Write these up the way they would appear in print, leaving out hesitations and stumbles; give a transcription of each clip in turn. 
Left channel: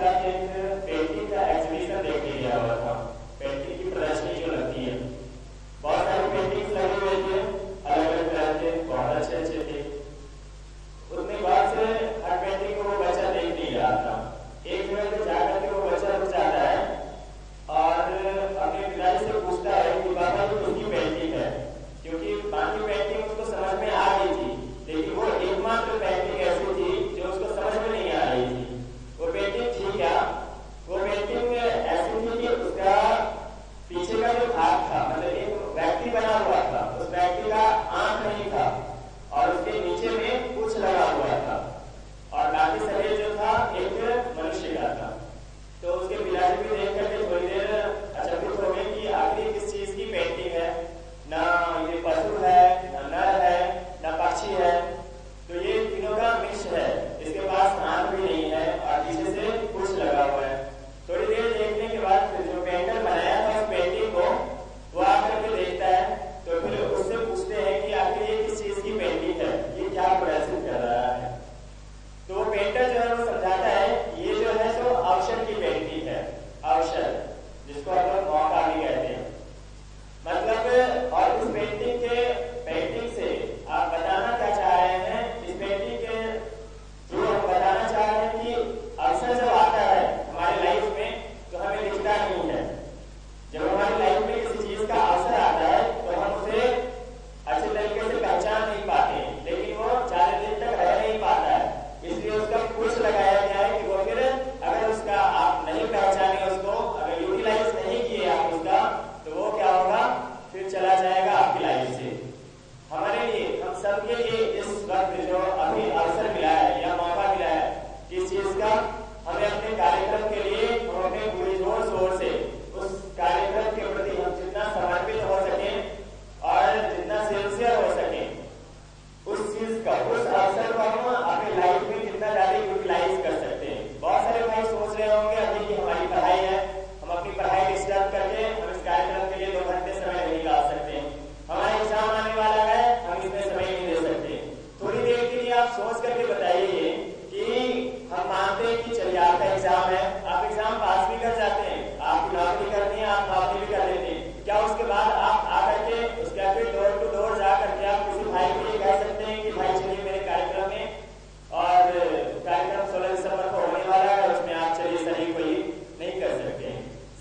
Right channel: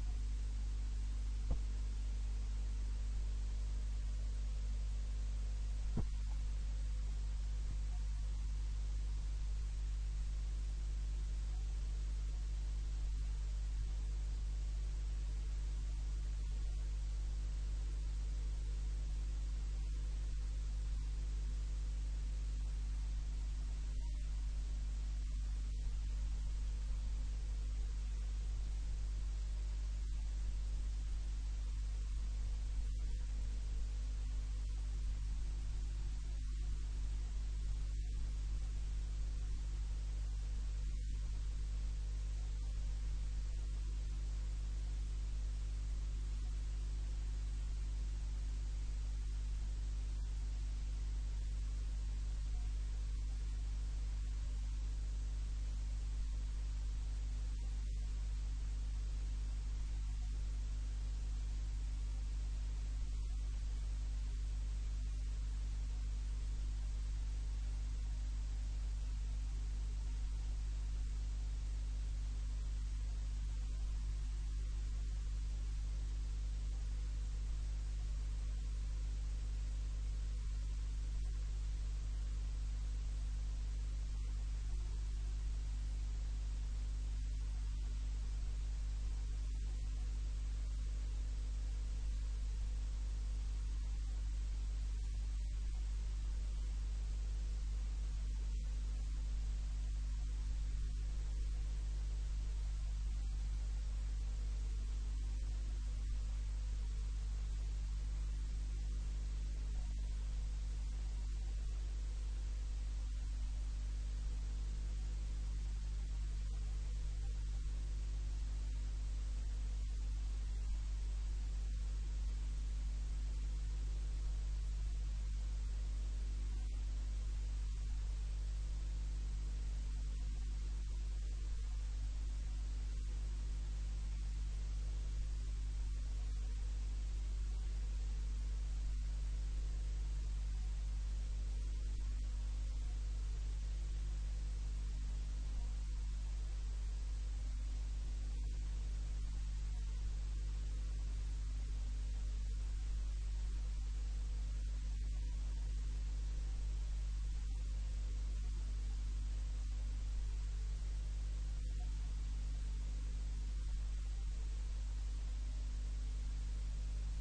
साथ एक पेंटिंग का एग्जीबिशन देखने गया हुआ था। पेंटिंग की प्रदर्शनी जो लगती है, बहुत सारी पेंटिंग्स लगी हुई थी, अलग अलग तरह के, बहुत अच्छे अच्छे थे। उतने बाद से हर पेंटिंग को वो बच्चा देख नहीं रहा था। एक जगह पे जाकर के वो बच्चा रुक जाता है और अपने पिताजी से पूछता है कि बाबा ये किसकी पेंटिंग है, क्योंकि बाकी पेंटिंग उसको समझ में आ गई थी, लेकिन वो एकमात्र पेंटिंग ऐसी थी जो उसको समझ में नहीं आ रही थी। वो पेंटिंग थी क्या? वो पेंटिंग ऐसी थी कि उसका पीछे का जो भाग था, मतलब एक व्यक्ति बना हुआ था, उस व्यक्ति का आंख नहीं था और उसके नीचे में कुछ लगा हुआ था और बाकी शरीर जो था एक मनुष्य का था। तो उसके पिताजी भी देख करके थोड़ी देर अचंभित हो गए कि आखिर किस चीज की पेंटिंग है, ना ये पशु है, ना नर है, ना पक्षी है, तो ये तीनों का मिक्स है। इसके पास आंख भी नहीं है और पीछे से कुछ लगा हुआ है। थोड़ी देर देखने के बाद फिर जो पेंटर बनाया था उस पेंटिंग को, वो आकर के देखता है, तो फिर उससे पूछते हैं कि आखिर ये किस चीज की पेंटिंग है, ये क्या प्रदर्शित कर रहा है। तो वो पेंटर जो है वो समझाता है ये जो है तो अवसर की पेंटिंग है, अवसर, जिसको हम लोग मौका भी कहते हैं। मतलब और इस पेंटिंग से आप बताना क्या चाह रहे हैं? इस पेंटिंग के जो हम बताना चाह रहे हैं कि अवसर जब आता है हमारे लाइफ में तो हमें दिखता नहीं है। जब हमारी लाइफ में किसी चीज का अवसर आता है तो हम उसे अच्छे तरीके से पहचान नहीं पाते, लेकिन वो ज्यादा दिन तक रह नहीं पाता है। इसलिए उसका कुछ लगाया गया है कि वो फिर अगर उसका आप नहीं पहचाने, उसको अगर यूटिलाइज नहीं किए आप उसका, तो वो क्या होगा, फिर चला जाएगा आपकी लाइफ से। हमारे लिए, हम सबके लिए इस वक्त जो अभी अवसर मिला है या मौका मिला है किस चीज का, हमें अपने कार्यक्रम के लिए हम अपने पूरी जोर शोर से उस कार्यक्रम के प्रति हम जितना समर्पित हो सके और जितना सिंसियर हो सके, उस चीज का, उस अवसर को हम अपनी लाइफ में कितना ज्यादा यूटिलाइज कर सकते हैं। बहुत सारे भाई सोच रहे होंगे अभी कि हमारी पढ़ाई है, हम अपनी पढ़ाई डिस्टर्ब करके हम इस कार्यक्रम के लिए 2 घंटे समय नहीं निकाल सकते, हमारा एग्जाम आने वाला है, हम इसमें समय नहीं दे सकते। थोड़ी देर के लिए आप सोच करके बताइए कि हम मानते हैं कि चलिए आपका एग्जाम है, आप एग्जाम पास भी कर जाते हैं, आपकी नौकरी करनी है, आप नौकरी भी कर लेते हैं, क्या उसके बाद आप आकर के उसके फिर डोर टू डोर जा करके आप किसी भाई को ये कह सकते हैं कि भाई चलिए मेरे कार्यक्रम में, और कार्यक्रम 16 दिसंबर को होने वाला है, उसमें आप चलिए शरीक होइए? नहीं कर सकते।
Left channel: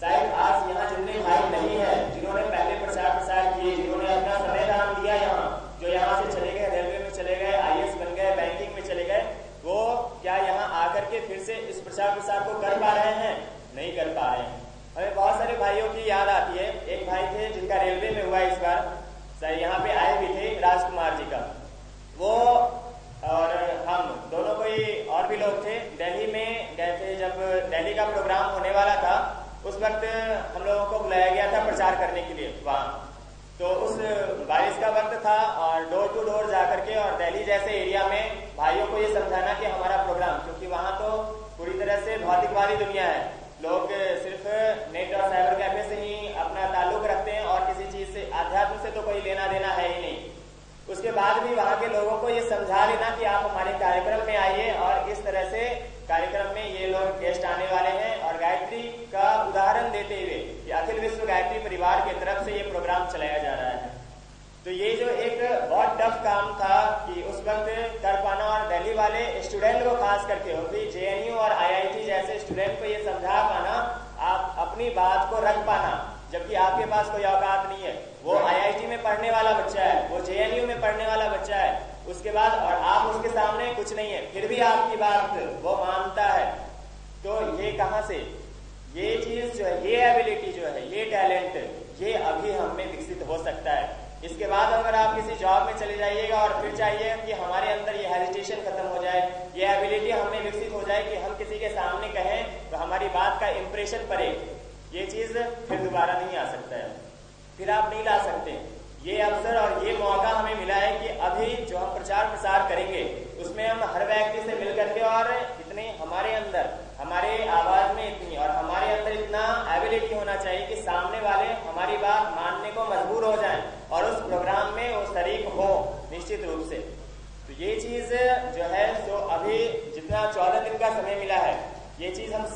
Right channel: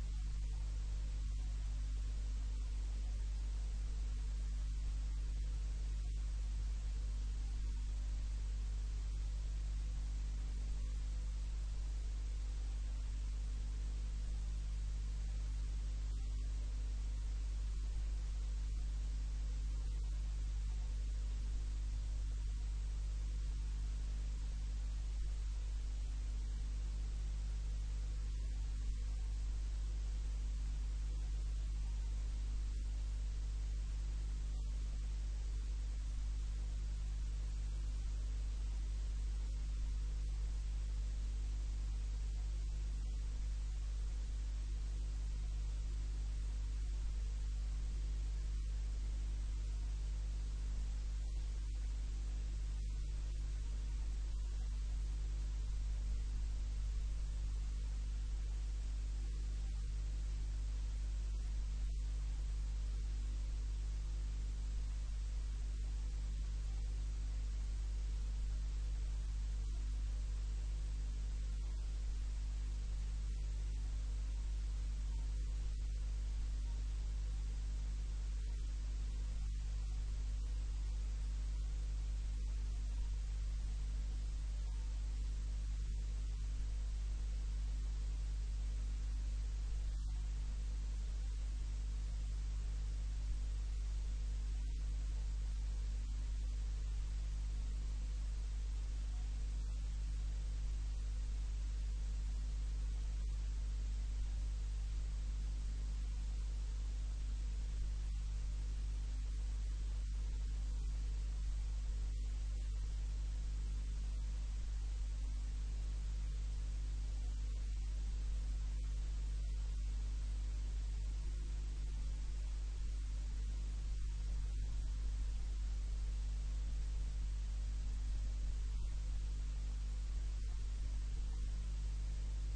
शायद आज यहाँ जितने भाई नहीं है जिन्होंने पहले प्रचार किए, जिन्होंने अपना समय दान दिया, यहाँ जो यहाँ से चले गए, रेलवे में चले गए, IAS बन गए, बैंकिंग में चले गए, वो क्या यहाँ आकर के फिर से इस प्रचार को कर पा रहे हैं? नहीं कर पा रहे हैं। हमें बहुत सारे भाइयों की याद आती है। एक भाई थे जिनका रेलवे में हुआ इस बार, सर यहाँ पे आए भी थे, राजकुमार जी का, वो और हम दोनों कोई और भी लोग थे, दिल्ली में गए थे। जब दिल्ली का प्रोग्राम होने वाला था उस वक्त हम लोगों को बुलाया गया था प्रचार करने के लिए वहाँ। तो उस बारिश का वक्त था और डोर टू डोर जाकर के और दिल्ली जैसे एरिया में भाइयों को ये समझाना कि हमारा प्रोग्राम, क्योंकि वहाँ तो पूरी तरह से भौतिकवादी दुनिया है, लोग सिर्फ नेट और साइबर कैफे से ही अपना ताल्लुक रखते हैं और किसी चीज से, अध्यात्म से तो कोई लेना देना है ही नहीं। उसके बाद भी वहाँ के लोगों को ये समझा देना कि आप हमारे कार्यक्रम में आइए और इस तरह से कार्यक्रम में ये लोग गेस्ट आने वाले हैं, और गायत्री का उदाहरण देते हुए कि अखिल विश्व गायत्री परिवार की तरफ से ये प्रोग्राम चलाया जा रहा है। तो ये जो एक बहुत टफ काम था कि उस वक्त कर पाना, और दिल्ली वाले स्टूडेंट को खास करके, होगी JNU और IIT जैसे स्टूडेंट को ये समझा पाना, आप अपनी बात को रख पाना, जबकि आपके पास कोई औकात नहीं है। वो IIT में पढ़ने वाला बच्चा है, वो JNU में पढ़ने वाला बच्चा है, उसके बाद और आप उसके सामने कुछ नहीं है, फिर भी आपकी बात वो मानता है। तो ये कहाँ से, ये चीज जो है, ये एबिलिटी जो है, ये टैलेंट, ये अभी हम में विकसित हो सकता है। इसके बाद अगर आप किसी जॉब में चले जाइएगा और फिर चाहिए कि हमारे अंदर ये हेजिटेशन खत्म हो जाए, ये एबिलिटी हमें विकसित हो जाए कि हम किसी के सामने कहें तो हमारी बात का इंप्रेशन पड़े, ये चीज फिर दोबारा नहीं आ सकता है, फिर आप नहीं ला सकते। ये अवसर और ये मौका हमें मिला है कि अभी जो हम प्रचार प्रसार करेंगे उसमें हम हर व्यक्ति से मिल करके और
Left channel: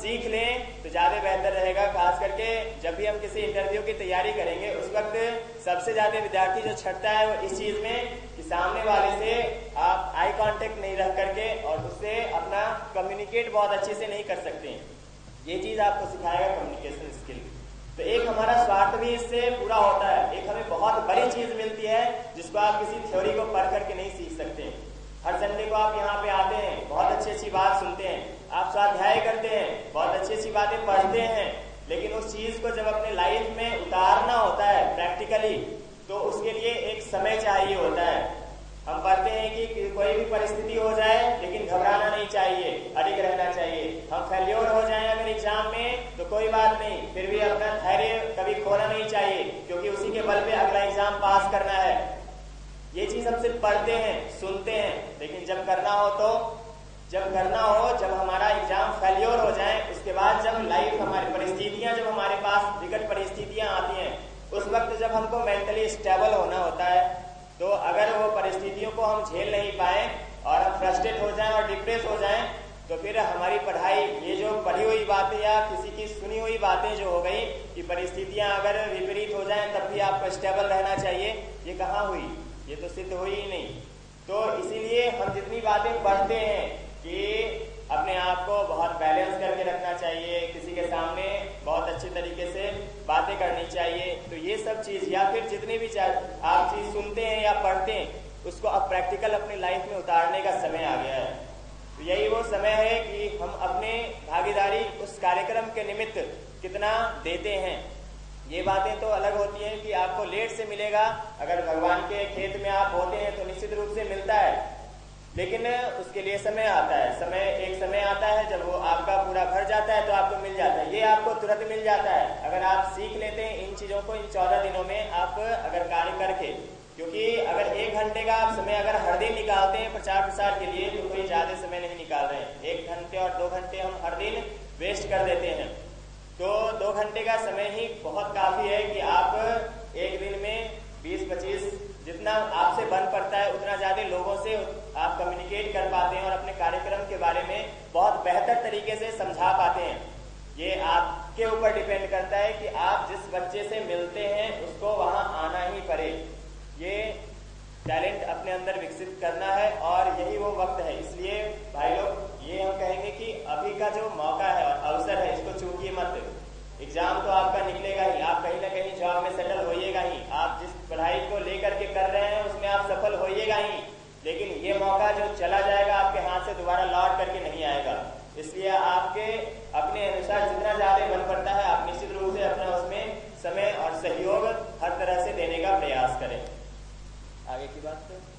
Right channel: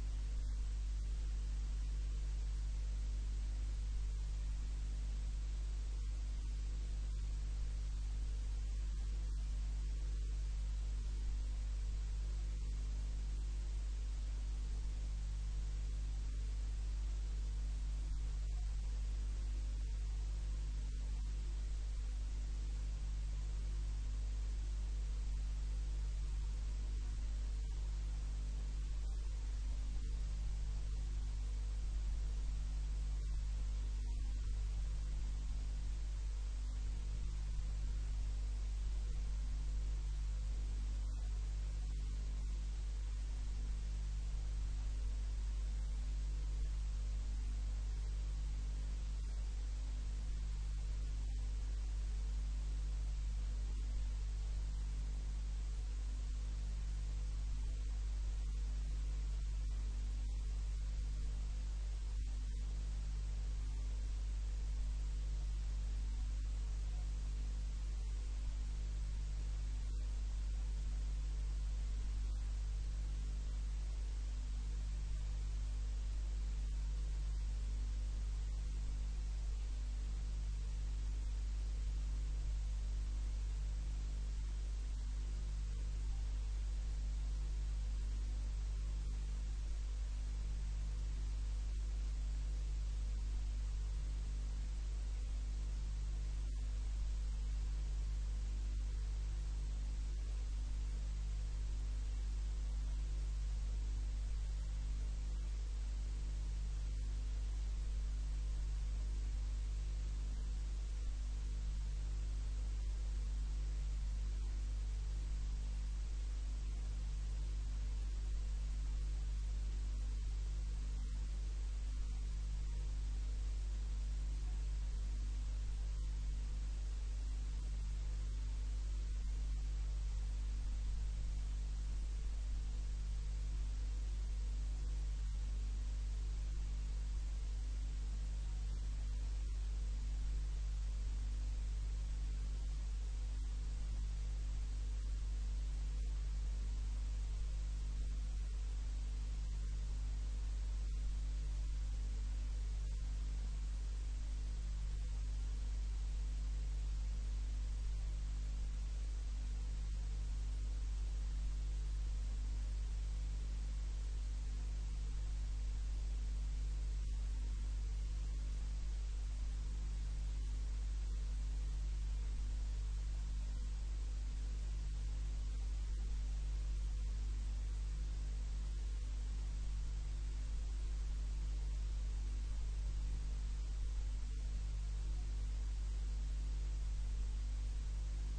सीख लें तो ज़्यादा बेहतर रहेगा। खास करके जब भी हम किसी इंटरव्यू की तैयारी करेंगे उस वक्त सबसे ज़्यादा विद्यार्थी जो छटता है वो इस चीज़ में कि सामने वाले से आप आई कांटेक्ट नहीं रख करके और उससे अपना कम्युनिकेट बहुत अच्छे से नहीं कर सकते हैं। ये चीज़ आपको सिखाएगा कम्युनिकेशन स्किल। तो एक हमारा स्वार्थ भी इससे पूरा होता है, एक हमें बहुत बड़ी चीज़ मिलती है जिसको आप किसी थ्योरी को पढ़ करके नहीं सीख सकते। हर संडे को आप यहाँ पे आते हैं, बहुत अच्छी अच्छी बात सुनते हैं, आप स्वाध्याय करते हैं, बहुत अच्छी अच्छी बातें पढ़ते हैं, लेकिन उस चीज़ को जब अपने लाइफ में उतारना होता है प्रैक्टिकली तो उसके लिए एक समय चाहिए होता है। हम पढ़ते हैं कि कोई भी परिस्थिति हो जाए लेकिन घबराना नहीं चाहिए, अडिग रहना चाहिए। हम फेल्योर हो जाएं अगर एग्जाम में तो कोई बात नहीं, फिर भी अपना धैर्य कभी खोना नहीं चाहिए क्योंकि उसी के बल पे अगला एग्जाम पास करना है। ये चीज़ हम सिर्फ पढ़ते हैं, सुनते हैं, लेकिन जब करना हो तो जब हमारा एग्जाम फेल्योर हो जाए उसके बाद जब लाइफ हमारी परिस्थितियां जब हमारे पास विकट परिस्थितियां आती हैं उस वक्त जब हमको मेंटली स्टेबल होना होता है तो अगर वो परिस्थितियों को हम झेल नहीं पाए और हम फ्रस्ट्रेट हो जाएं और डिप्रेस हो जाएं तो फिर हमारी पढ़ाई, ये जो पढ़ी हुई बातें या किसी की सुनी हुई बातें जो हो गई कि परिस्थितियां अगर विपरीत हो जाएं तब भी आपको स्टेबल रहना चाहिए, ये कहाँ हुई, ये तो सिद्ध हुई ही नहीं। तो इसीलिए हम जितनी बातें पढ़ते हैं कि अपने आप को बहुत बैलेंस करके रखना चाहिए, किसी के सामने बहुत अच्छे तरीके से बातें करनी चाहिए, तो ये सब चीज़ या फिर जितनी भी आप चीज़ सुनते हैं या पढ़ते हैं उसको अब प्रैक्टिकल अपनी लाइफ में उतारने का समय आ गया है। तो यही वो समय है कि हम अपने भागीदारी उस कार्यक्रम के निमित्त कितना देते हैं। ये बातें तो अलग होती हैं कि आपको लेट से मिलेगा, अगर भगवान के खेत में आप होते हैं तो निश्चित रूप से मिलता है, लेकिन उसके लिए समय आता है। एक समय आता है जब वो आपका पूरा भर जाता है तो आपको मिल जाता है। ये आपको तुरंत मिल जाता है अगर आप सीख लेते हैं इन चीज़ों को इन 14 दिनों में आप अगर कार्य करके, क्योंकि अगर 1 घंटे का आप समय अगर हर दिन निकालते हैं प्रचार प्रसार के लिए तो कोई ज़्यादा समय नहीं निकाल रहे हैं। 1 घंटे और 2 घंटे हम हर दिन वेस्ट कर देते हैं, तो 2 घंटे का समय ही बहुत काफ़ी है कि आप एक दिन में 20-25 जितना आपसे बन पड़ता है उतना ज़्यादा लोगों से आप कम्युनिकेट कर पाते हैं और अपने कार्यक्रम के बारे में बहुत बेहतर तरीके से समझा पाते हैं। ये आपके ऊपर डिपेंड करता है कि आप जिस बच्चे से मिलते हैं उसको वहाँ आना ही पड़े। ये टैलेंट अपने अंदर विकसित करना है और यही वो वक्त है। इसलिए भाई लोग ये हम कहेंगे कि अभी का जो मौका है और अवसर है इसको चूकिए मत। एग्जाम तो आपका निकलेगा ही, आप कहीं ना कहीं जॉब में सेटल होइएगा ही, आप जिस पढ़ाई को लेकर के कर रहे हैं उसमें आप सफल होइएगा ही, लेकिन ये मौका जो चला जाएगा आपके हाथ से दोबारा लौट करके नहीं आएगा। इसलिए आपके अपने अनुसार जितना ज़्यादा बन पड़ता है आप निश्चित रूप से अपना उसमें समय और सहयोग हर तरह से देने का प्रयास करें। आगे की बात करें।